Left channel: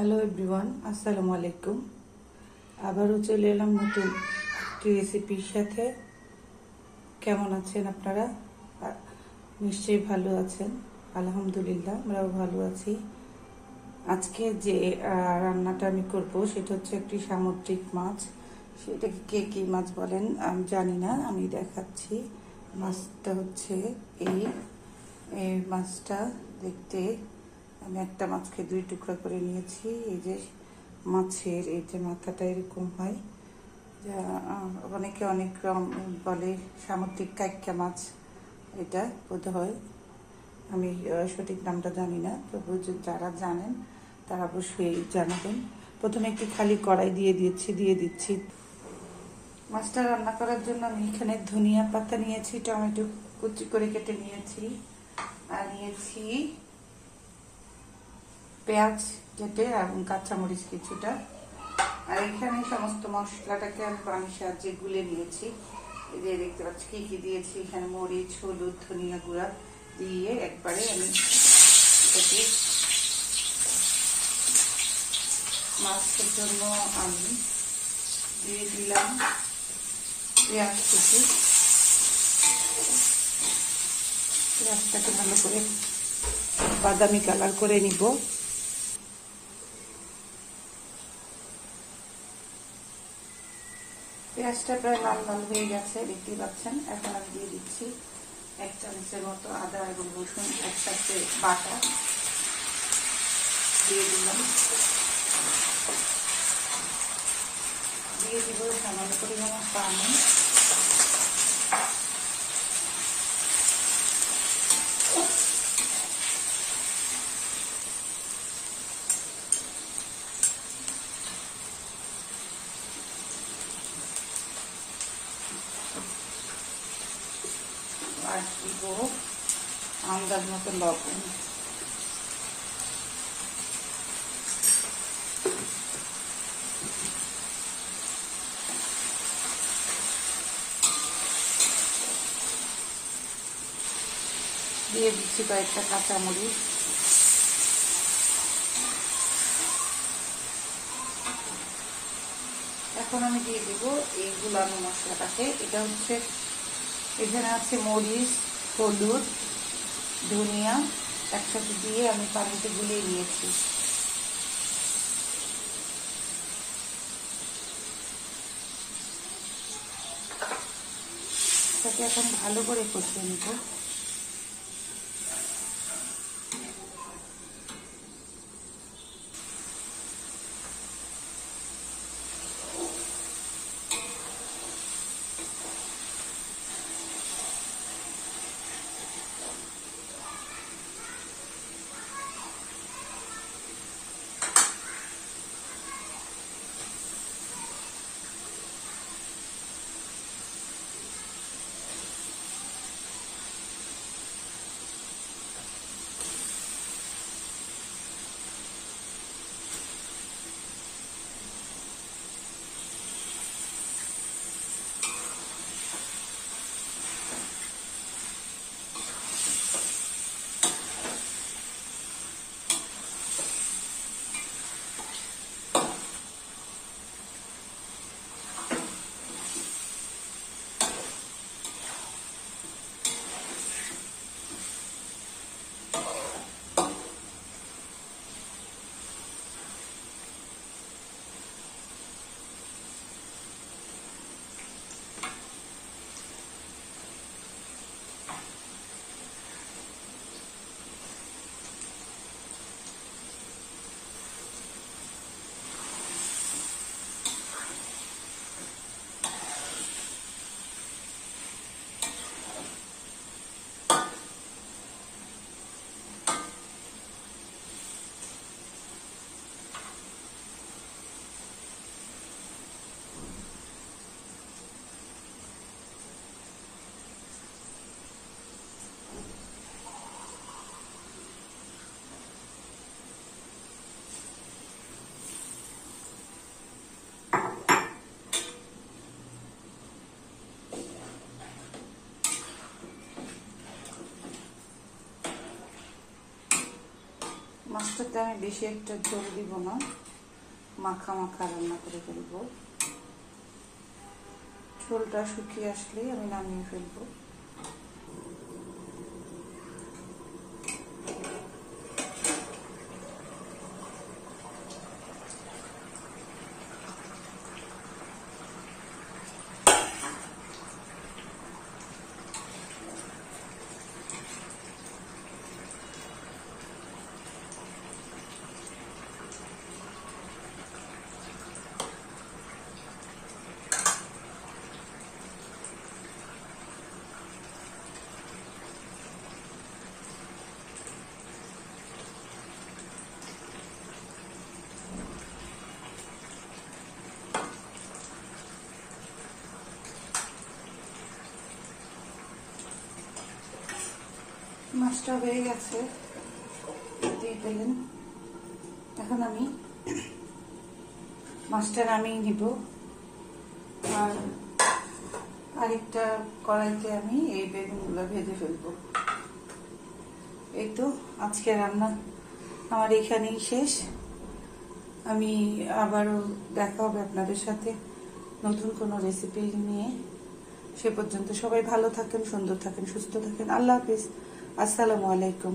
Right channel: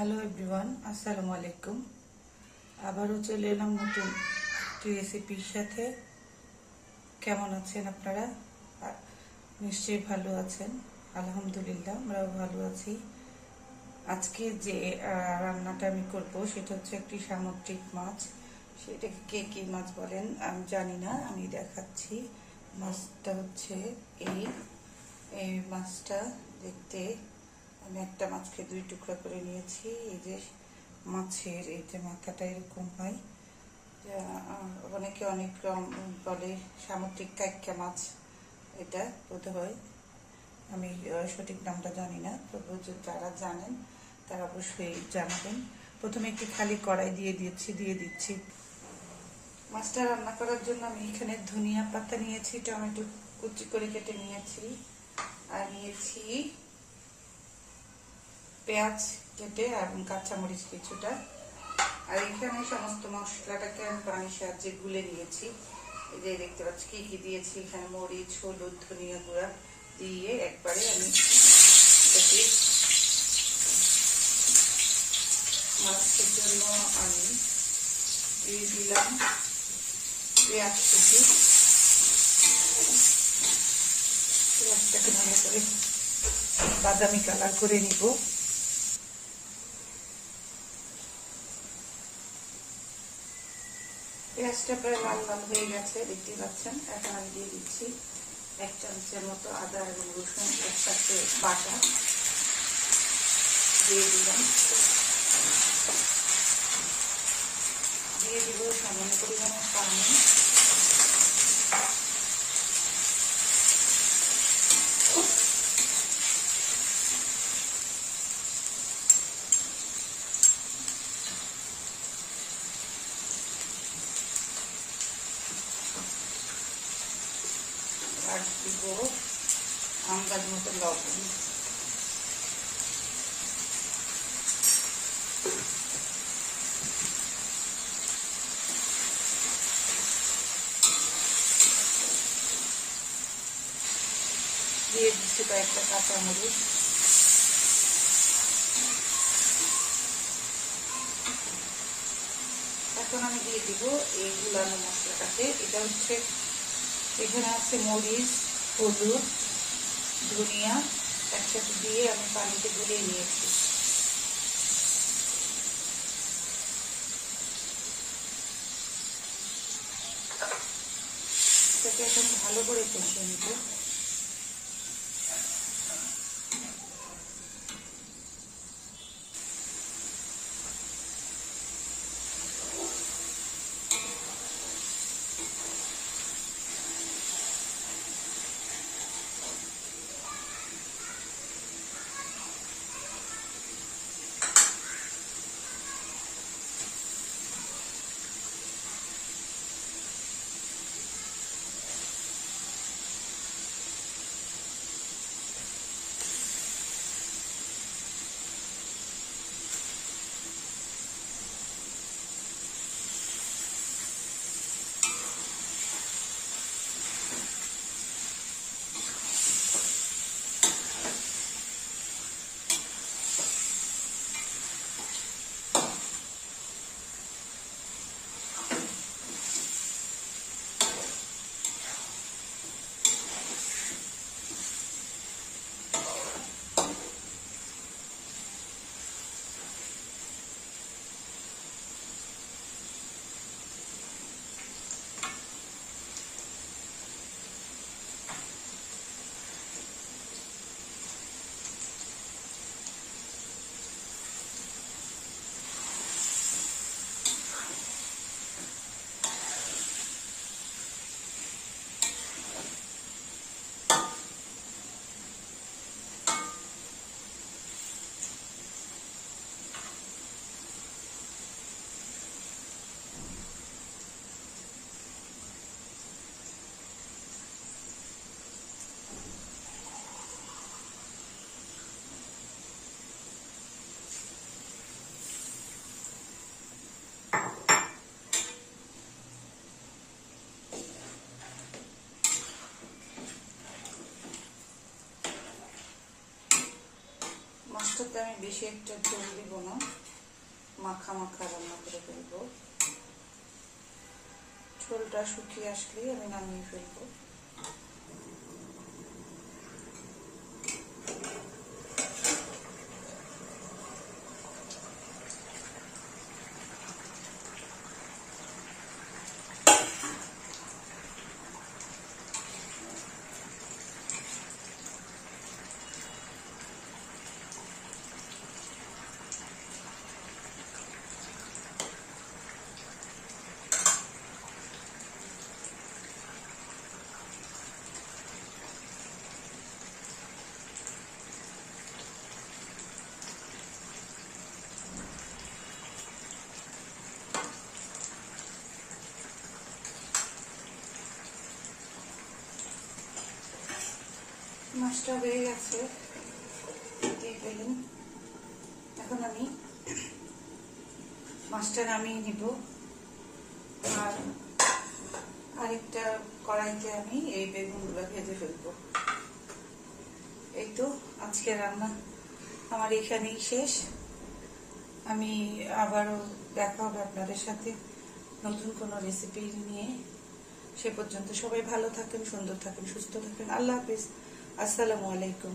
Hello everyone, আসসালামু আলাইকুম। আবারও চলে এলাম নতুন একটি রেসিপির সাথে। কেমন আছেন আপনারা? নিশ্চয়ই ভালো আছেন। আলহামদুলিল্লাহ, আমরাও ভালো আছি। আজকে যে রান্নাটা আমি করব সেটা হচ্ছে একটি সামুদ্রিক মাছ। সেটাকে কে কি মাছ বলেন আমি জানি না, আমি দেখাচ্ছি। মাছটা হচ্ছে এই মাছটা দেখতে আমি একটা মাছকে দুই টুকরা করে নিয়েছি। এই যে মাছের এই যে মাথাটা এরকম হয়, অনেকে অনেক রকম বলে, সামুদ্রিক কাইক্কা মাছ এটা বোধ হয়, আমি সঠিক নামটা জানি না। তবু যারা জানেন তারা অবশ্যই জানাবেন। প্রথমে একটু খালি কড়াই দিয়ে দিচ্ছি। মাছটা রান্না করার জন্য আমি এখানে ধনিয়া পাতা নিয়েছি, টমেটো কুচি করে কেটে নিয়েছি, আর নিয়েছি পেঁয়াজ কেটে এবং কাঁচামরিচ কিছুটা। আর এখানে সমস্ত মশলাটাকে আমি পানির সাহায্যে গুলে নিয়েছি। এই যে দেখতে পাচ্ছি কি কি দিয়েছি এখানে, মরিচ, হলুদ, ধনিয়া গুঁড়া দিয়ে একবারে আমি মাছের জন্য আমি দিয়ে দিলাম পেঁয়াজ কুচি। পেঁয়াজটাকে ভালো করে বাদামি কালার করে নিব। পেঁয়াজটা প্রায় লাল লাল হয়ে গেছে, দেখতে পাচ্ছেন। এখন আমি দিয়ে দিচ্ছি 1 চামচের মতো আদা এবং রসুন একসাথে বাটা দিয়ে দিলাম। দিয়ে দিব সামান্য পরিমাণে পানি। আর দিব আন্দাজ মতো লবণ। দিয়ে দিচ্ছি কয়েকটা কাঁচামরিচ। এখন আমি দিয়ে দিব এই গুলানো মশলাটাকে। এটা হচ্ছে এখানে আছে মরিচ, হলুদ, ধনিয়া একসাথে দিয়ে আমি পানিতে গুলিয়ে নিয়েছি। এটাকে এখন ভালো করে কষিয়ে নিব। মাছটাতে আমি বেশি একটা ঝোল দিব না, মাখা মাখা রান্না করে ফেলবো। ঝোলটা শুকিয়ে আসলেই আমি নামিয়ে ফেলবো। মাছটা হয়ে গেছে, দিয়ে পেলেন। এখন আমি মাছটা নামিয়ে দিব, আর আরেকটা কড়াইতে আমি এই বেগুনগুলো ভেজে ফেলবো। এই তো আজকে রান্না আমার এখানেই শেষ। আমি আবারও দেখা হবে আপনাদের সাথে নতুন কোনো রেসিপি নিয়ে। সে পর্যন্ত সবাই ভালো থাকেন, সুন্দর থাকেন, সুস্থ থাকেন। আল্লাহ হাফিজ। আসসালামু আলাইকুম।